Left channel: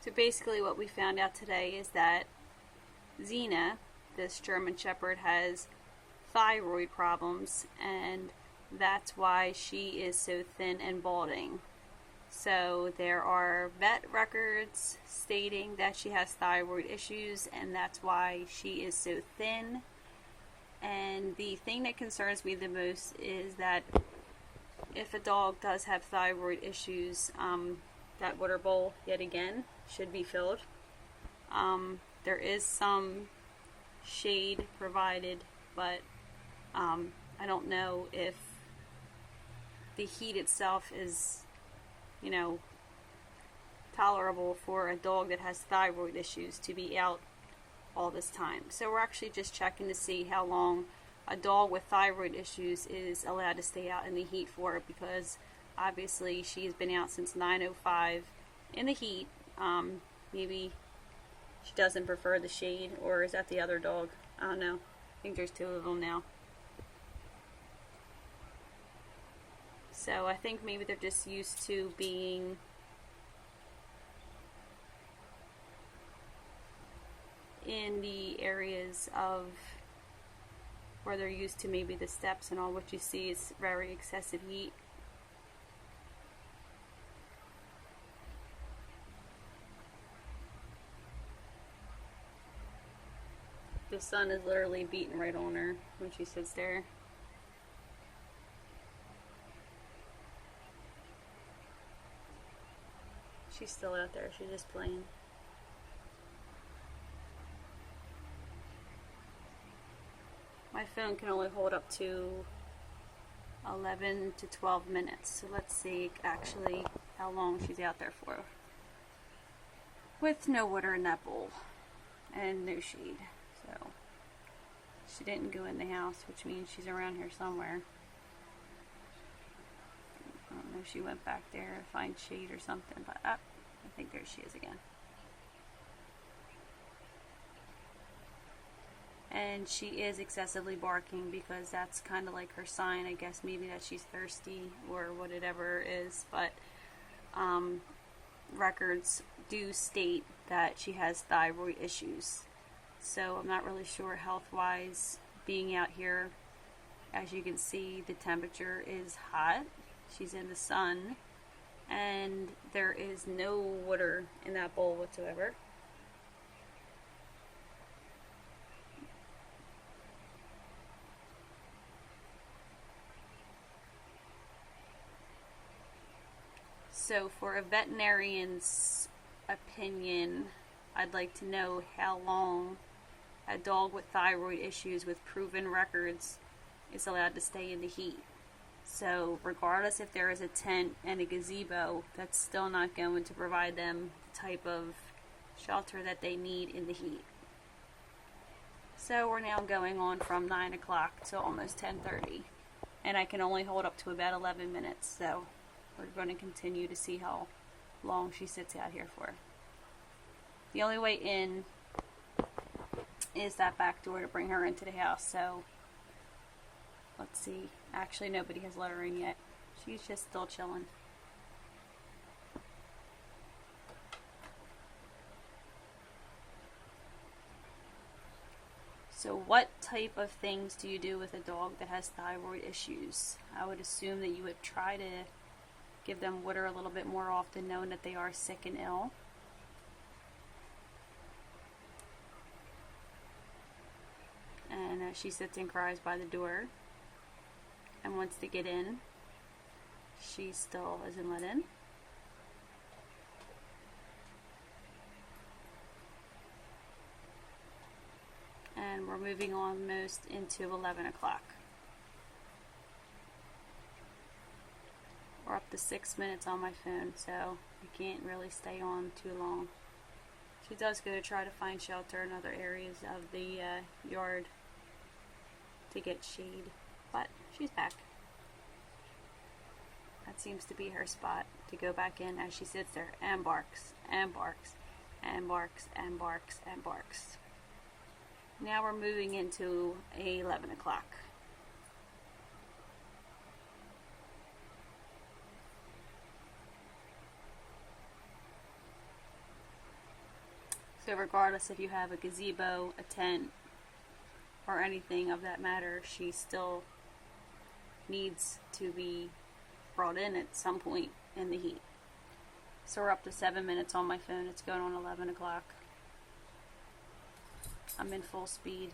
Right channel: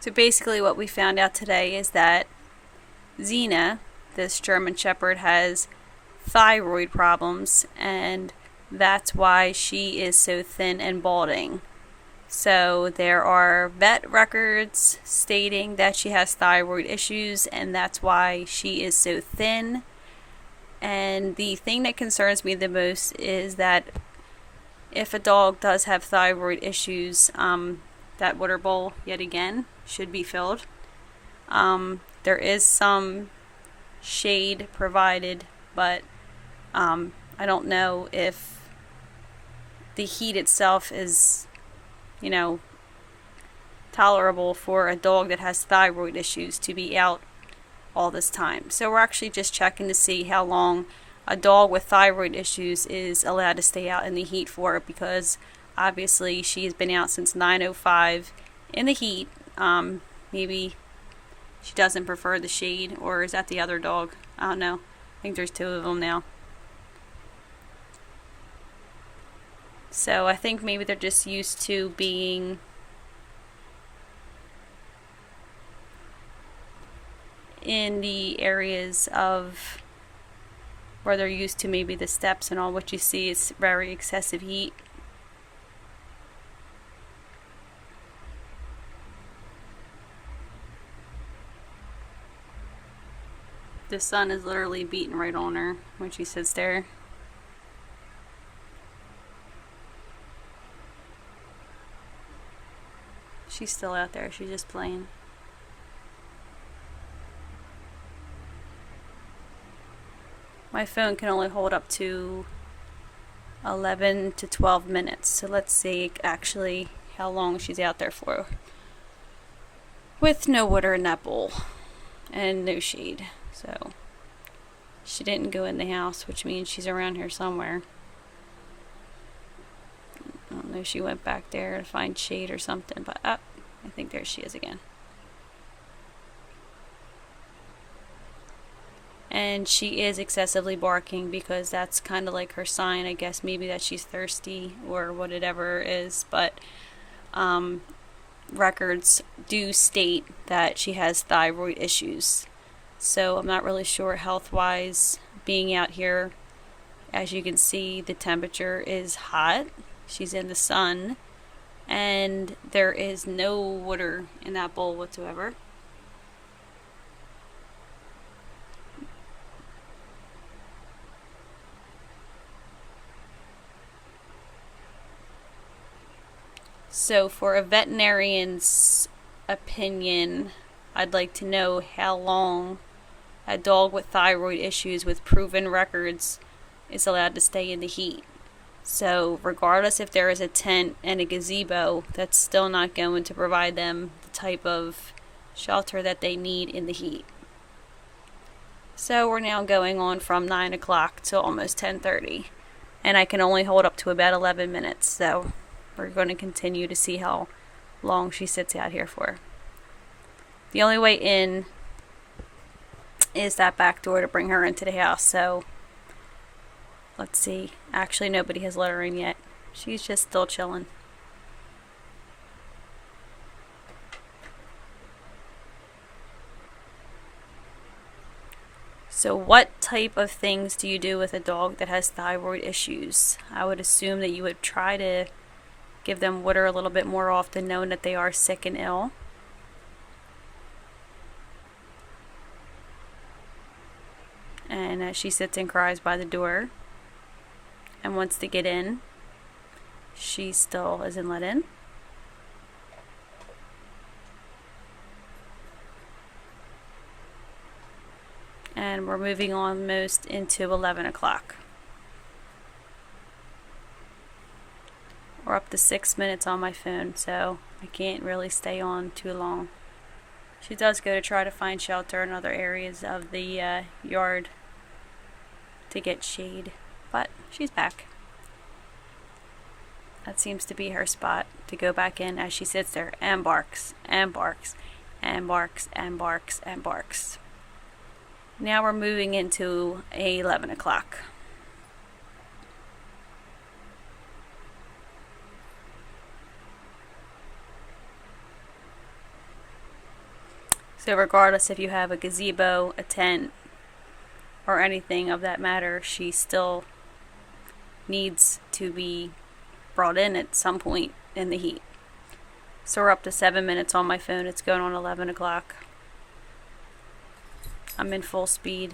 So basically what we found out today is that Zena, this German Shepherd, has thyroid problems, and that's why she is so thin and balding. So there are vet records stating that she has thyroid issues, and that's why she is so thin. And the thing that concerns me the most is that if a dog does have thyroid issues, that water bowl, yet again, should be filled. There is some shade provided, but I don't know if the heat itself is, you know, tolerable for a dog that has thyroid issues to be out all this time. So we're actually just checking to see how long a dog with thyroid issues is allowed to stay out in the heat for, because obviously she's been out since 9:05 in the heat. Maybe she doesn't prefer the shade, or is that the other dog? I don't know. I think there's two of them now. So I think maybe they're just used to being in the areas of where they're used to maybe the steps and all. What you see is very excessive heat. The sun is literally beating right on her when she sits there. She's still out there. She's just playing. My phone can only hold up to 11 to 12 minutes. So let's see actually how long she's out there for. With no water in that bowl and no shade. So she didn't go in the house, which means she's around here somewhere. I don't know if she went back there to find shade or something, but I think there she is again. And she is excessively barking, because that's kind of like her sign, I guess, maybe that she's thirsty or whatever it is. But records do state that she has thyroid issues. So I'm not really sure health-wise being out here. As you can see, the temperature is hot. She's in the sun, and there is no water in that bowl whatsoever. So for a veterinarian's opinion, I'd like to know how long a dog with thyroid issues with proven records is allowed to stay in the heat. So regardless if there is a tent and a gazebo, that's still not going to provide them the type of shelter that they need in the heat. So we're now going on from 9 o'clock to almost 10:30, and I can only hold up to about 11 minutes. So we're going to continue to see how long she sits out here for. The only way in is that back door to bring her into the house. So let's see. Actually, nobody has let her in yet. She's just still chilling. So what type of things do you do with a dog that has thyroid issues? I would assume that you would try to give them water a little bit more often, knowing that they are sick and ill. And as she sits and cries by the door and wants to get in, she still isn't let in. And we're moving almost into 11 o'clock. We're up to 6 minutes on my phone, so I can't really stay on too long. She does go to try to find shelter in other areas of the yard to get shade, but she's back. That seems to be her spot to go back in, as she sits there and barks and barks and barks and barks and barks. Now we're moving into 11 o'clock. So regardless if you have a gazebo, a tent, or anything of that matter, she still needs to be brought in at some point in the heat. So we're up to 7 minutes on my phone. It's going on 11 o'clock. I'm in full speed.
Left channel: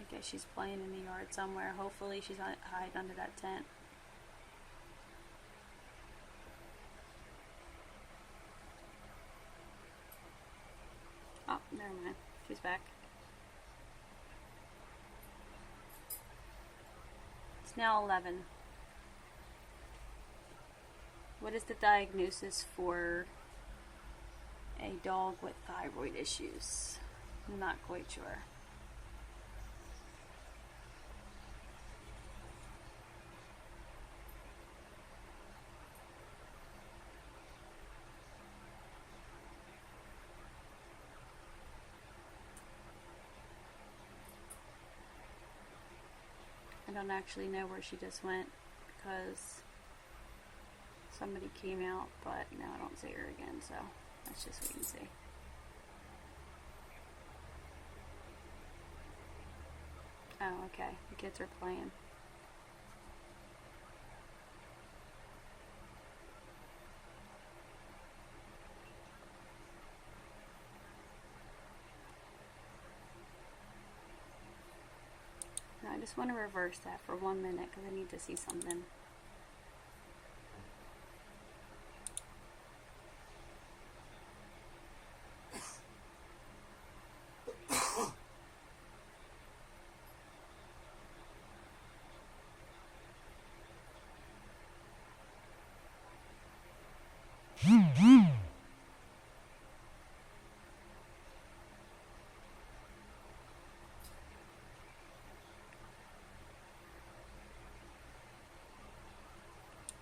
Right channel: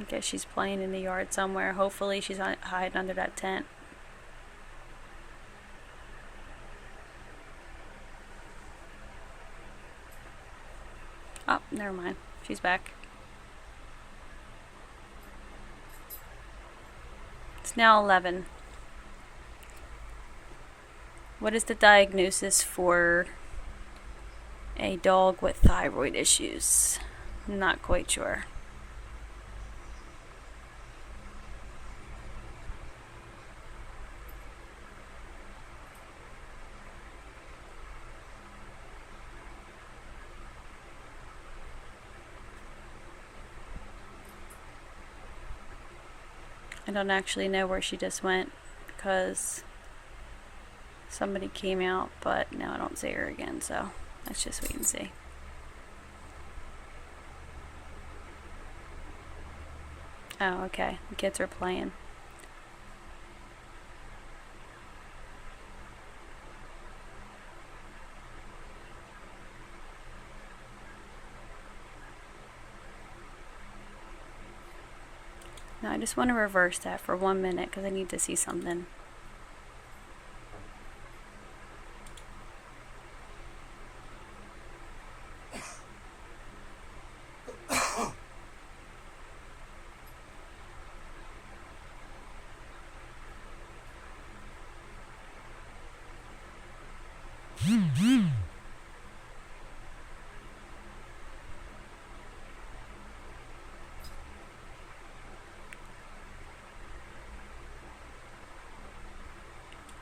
I guess she's playing in the yard somewhere. Hopefully she's hiding under that tent. Oh, never mind. She's back. It's now 11. What is the diagnosis for a dog with thyroid issues? I'm not quite sure. I don't actually know where she just went because somebody came out, but now I don't see her again, so let's just wait and see. Oh, okay. The kids are playing. Now I just want to reverse that for 1 minute because I need to see something.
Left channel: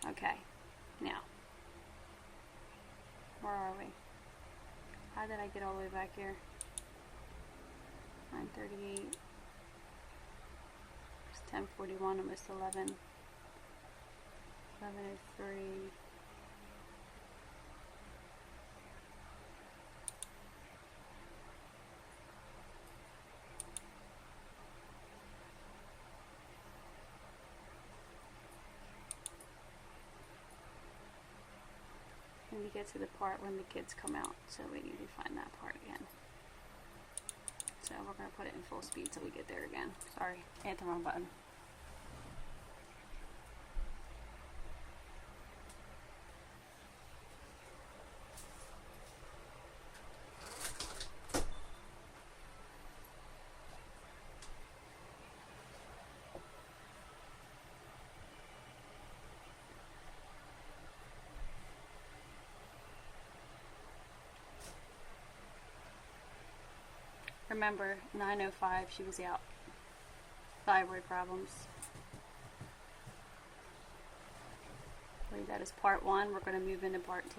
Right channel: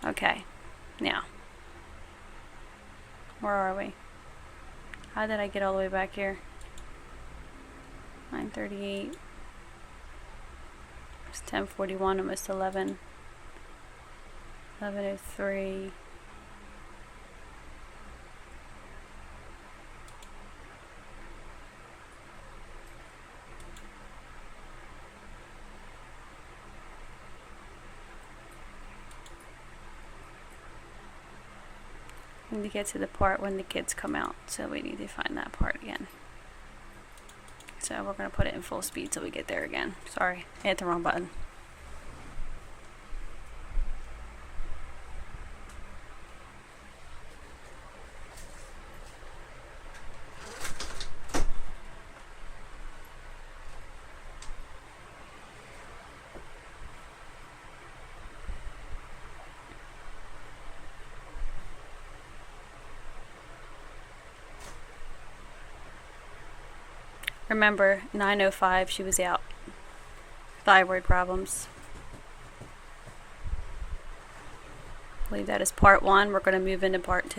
Okay, now, where are we? How did I get all the way back here? 9:38. It's 10:41, almost 11. 11:03. We need to get to the part when the kids come out, so we need to find that part again. So we're going to put it in full speed till we get there again. Sorry, I hit the wrong button. Remember, 9:05 she was out. Thyroid problems. I believe that is part 1. We're going to move into part 2.